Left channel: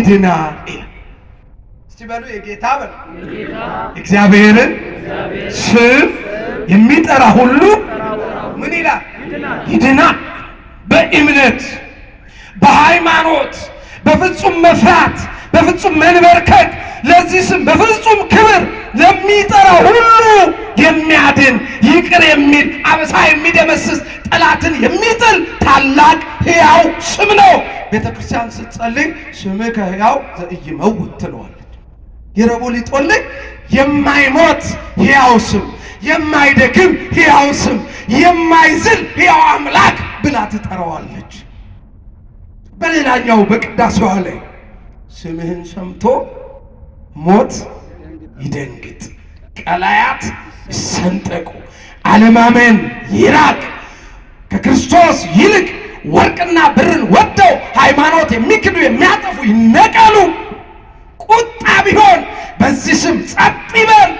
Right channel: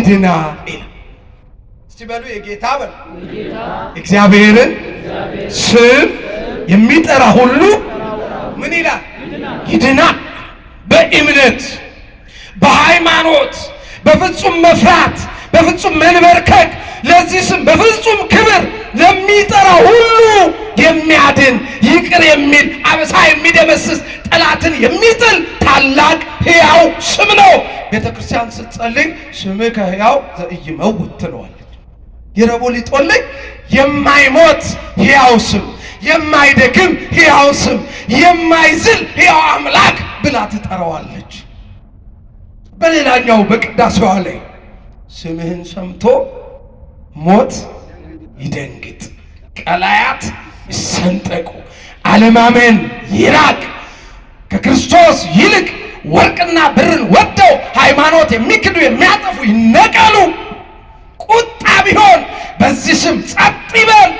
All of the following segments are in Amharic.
ይድናል ይላል። እስቲ በሉ የጌታ በሉ እግዚአብሔርን ስም የሚጠራ ሁሉ ምን ይላል? ይድናል። በእምነት በሃይማኖት በፍጹም መፍራት በፍጹም መንበርከክ ለዚህ ስም በፍጹም ክብር ለሚጠራ ሁሉ የሚያድን ይቅር የሚል አበሳ የሚደመስስ ጠላትን የሚጥል ታላቅ ሕያው ስም ነው። ቤተክርስቲያን ስትጸልይ ስምከ ሕያው ዘኢይመውት ትለዋለች። ይረቦሊጦልኝ የማይሞት ሕያው ስም፣ የማይደክም ሕያው ስም፣ የማይዝል ሕያው አምላክ ብላ ትጠራዋለች። በሌላኛው በቅዳሴዋ ላይ ስምህን ሰምቶ ሞት ይደንግጥ፣ ቀላያት ይሰንጠቁ፣ አለማመን ይራቅ፣ ከክርስቶስ ይልቅ ወርቅና ብርን ወደው ሃይማኖት የሚክዱ የሚያጠፉ ይነቀሉ፣ ቁጣ ቢሆን በዚህ ስም ጸጥ ይበል።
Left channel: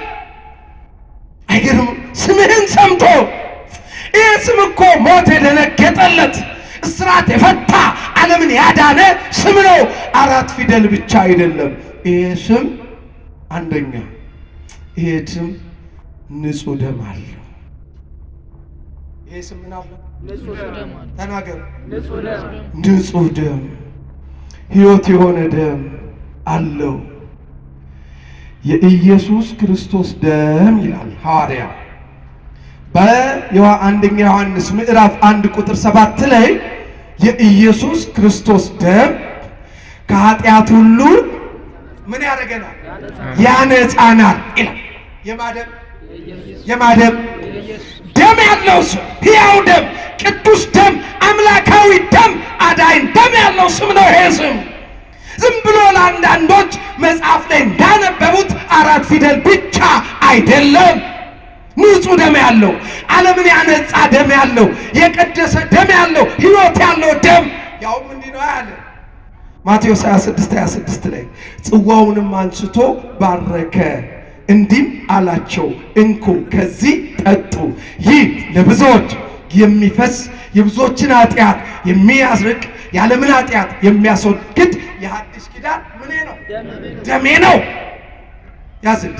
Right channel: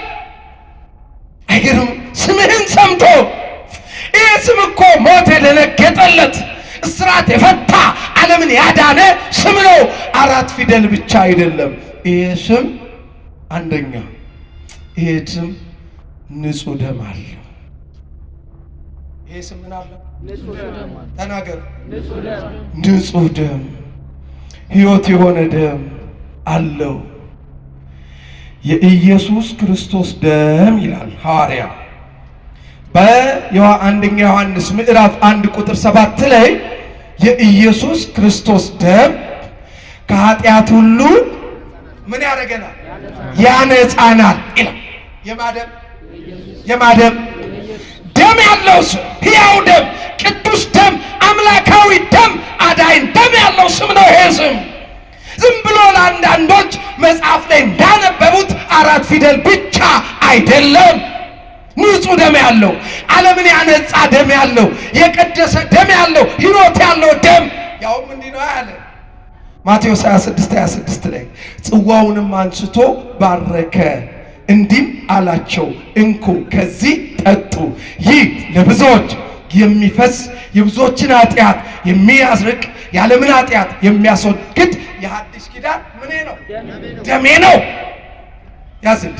አይገርም? ስምህን ሰምቶ ይህ ስም እኮ ሞት የደነገጠለት እስራት የፈታ ዓለምን ያዳነ ስም ነው። 4 ፊደል ብቻ አይደለም። ይህ ስም አንደኛ ይሄ ስም ንጹህ ደም አለው። ይሄ ስም ምን አለው? ተናገር። ንጹህ ደም፣ ሕይወት የሆነ ደም አለው። የኢየሱስ ክርስቶስ ደም ይላል ሐዋርያ በአንደኛ ዮሐንስ ምዕራፍ 1 ቁጥር 7 ላይ የኢየሱስ ክርስቶስ ደም ከኃጢአት ሁሉ ምን ያደርገናል? ያነጻናል ይላል። የማደም ደም ያለው ስም፣ ሕያው ደም፣ ቅዱስ ደም፣ አምላካዊ ደም፣ አዳኝ ደም ያለው ስም ነው። ይሄ ስም ዝም ብሎ ለአንዳንዶች መጽሐፍ ላይ እንዳነበቡት 4 ፊደል ብቻ አይደለም። ንጹህ ደም ያለው፣ ዓለምን ያነጻ ደም ያለው፣ የቀደሰ ደም ያለው፣ ሕይወት ያለው ደም ያውም እንዲህ ነው ያለ ማቴዎስ 26:26 ላይ ጽዋውንም አንስቶ ባረከ፣ እንዲህም አላቸው፣ እንኩ ከዚህ ጠጡ፣ ይህ ለብዙዎች የሚፈስ የብዙዎችን ኃጢአት የሚያስርቅ የዓለምን ኃጢአት የሚያስወግድ የሐዲስ ኪዳን ምን ነው? ደሜ ነው። ያዝል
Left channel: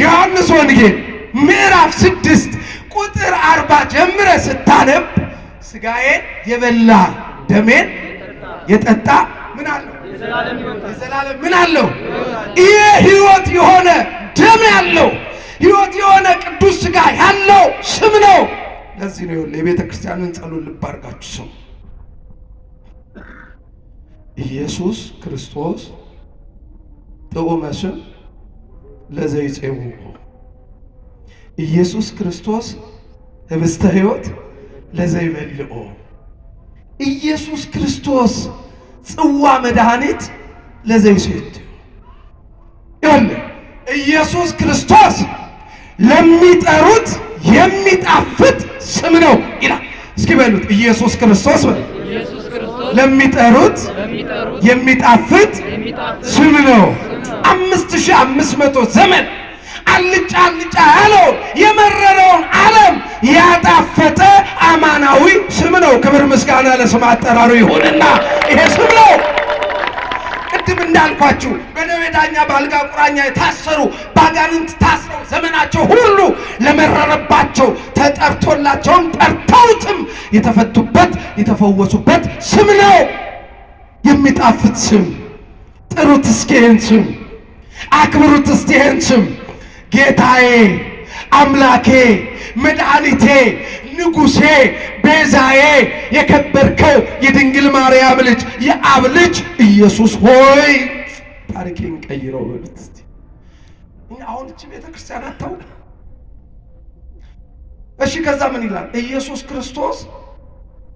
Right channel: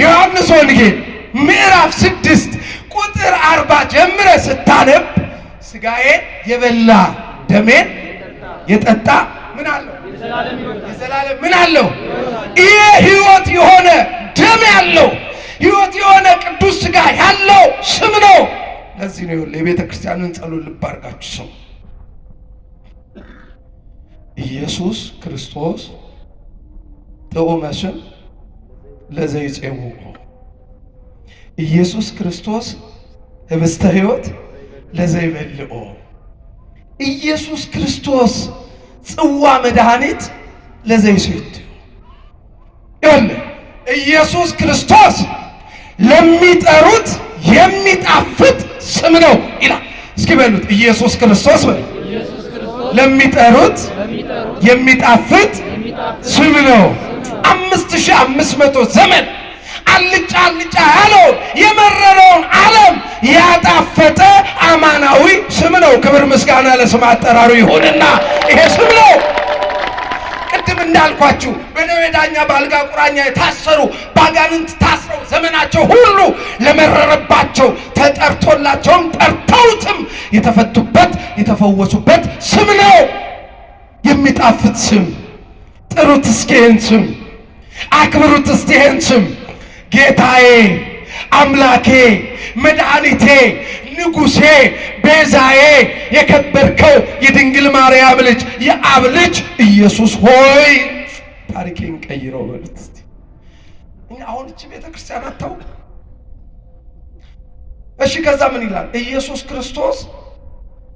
ዮሐንስ ወንጌል ምዕራፍ 6 ቁጥር 40 ጀምረ ስታነብ ስጋዬን የበላ ደሜን የጠጣ ምን አለው? የዘላለም ምን አለው? ይሄ ሕይወት የሆነ ደም ያለው ሕይወት የሆነ ቅዱስ ስጋ ያለው ስም ነው። ለዚህ ነው የቤተ ክርስቲያንን ጸሎት ልብ አድርጋችሁ ስሙ። ኢየሱስ ክርስቶስ ጥዑመ ስም ለዘይጼውዑ፣ ኢየሱስ ክርስቶስ ህብስተ ሕይወት ለዘይበልዑ፣ ኢየሱስ ክርስቶስ ጽዋ መድኃኒት ለዘይሴድ። ኢየሱስ ክርስቶስ ለሚጠሩት የሚጣፍጥ ስም ነው ይላል። እስኪ በሉት ኢየሱስ ክርስቶስ ለሚጠሩት የሚጣፍጥ ስም ነው። 5500 ዘመን አልጫ አልጫ ያለው የመረረውን ዓለም ያጣፈጠ አማናዊ ስም ነው። ክብር ምስጋና ለስም አጠራሩ ይሁንና ይሄ ስም ነው። ቅድም እንዳልኳችሁ በደዌ ዳኛ በአልጋ ቁራኛ የታሰሩ ባጋንንት ታስረው ዘመናቸው ሁሉ ለመረረባቸው ተጠርቶላቸውም ጠርተውትም የተፈቱበት የተፈወሱበት ስም ነው። የሚጣፍጥ ስም። ጥሩት እስኪ ይህን ስም፣ አክብሩት እስኪ ይህን ስም። ጌታዬ፣ አምላኬ፣ መድኃኒቴ፣ ንጉሴ፣ ቤዛዬ፣ የከበርከው የድንግል ማርያም ልጅ የአብ ልጅ ኢየሱስ ሆይ ታሪኬን ቀይረው በሉት እስቲ። አሁን እቺ ቤተክርስቲያን አታውቅ። እሺ ከዛ ምን ይላል? ኢየሱስ ክርስቶስ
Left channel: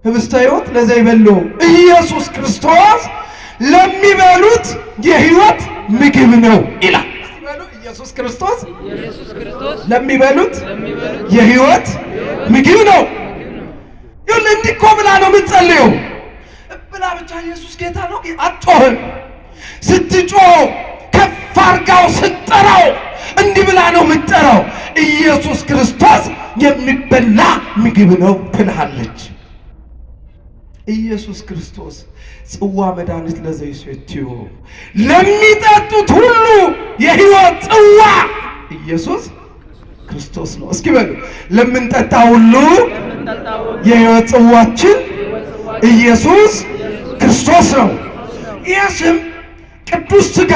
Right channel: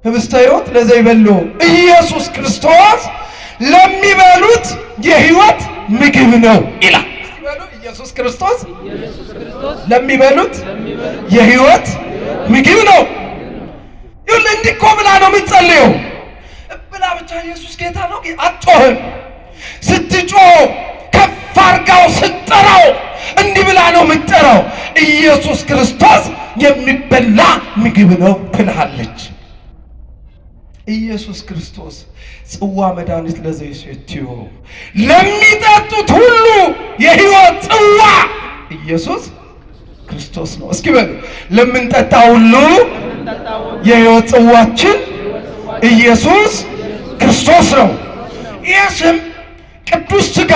ህብስተ ሕይወት ለዘይበልዑ፣ ኢየሱስ ክርስቶስ ለሚበሉት የሕይወት ምግብ ነው ይላል። ኢየሱስ ክርስቶስ ለሚበሉት የሕይወት ምግብ ነው። ይሁን እንዲህ እኮ ብላ ነው የምትጸልየው። ብላ ብቻ ኢየሱስ ጌታ ነው አትጮህም። ስትጮህ ከፍ አድርጋው ስትጠራው እንዲህ ብላ ነው የምትጠራው። ኢየሱስ ክርስቶስ የሚበላ ምግብ ነው ትልሃለች። ኢየሱስ ክርስቶስ ጽዋ መድኃኒት ለዘይሴትዮ ለሚጠጡት ሁሉ የሕይወት ጽዋ ኢየሱስ ክርስቶስ ነው። እስኪ በሉ ለምንጠጣ ሁሉ የሕይወት ጽዋችን ኢየሱስ ክርስቶስ ነው። ይህ ስም ቅዱስ ሥጋ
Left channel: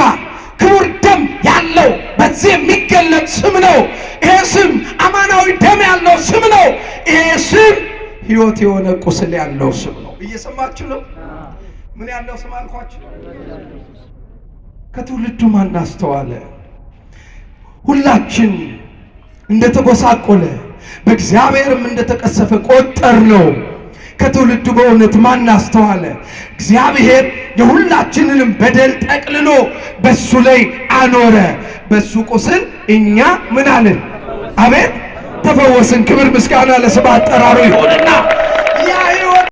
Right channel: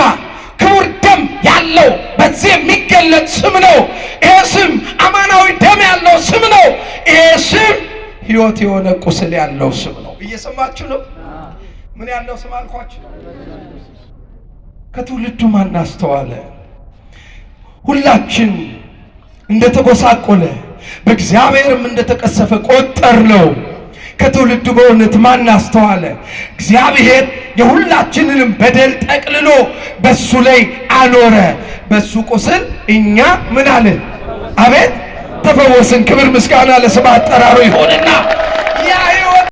ክቡር ደም ያለው በዚህ የሚገለጥ ስም ነው። ይህ ስም አማናዊ ደም ያለው ስም ነው። ይህ ስም ሕይወት የሆነ ቁስል ያለው ስም ነው። እየሰማችሁ ነው? ምን ያለው ስም አልኳችሁ? ከትውልዱ ማን አስተዋለ? ሁላችን እንደተጎሳቆለ በእግዚአብሔርም እንደተቀሰፈ ቆጠር ነው። ከትውልዱ በእውነት ማን አስተዋለ? እግዚአብሔር የሁላችንንም በደል ጠቅልሎ በሱ ላይ አኖረ። በሱ ቁስል እኛ ምን አለን? አቤት ተፈወስን። ክብር ምስጋና ለስም አጠራሩ ይሁንና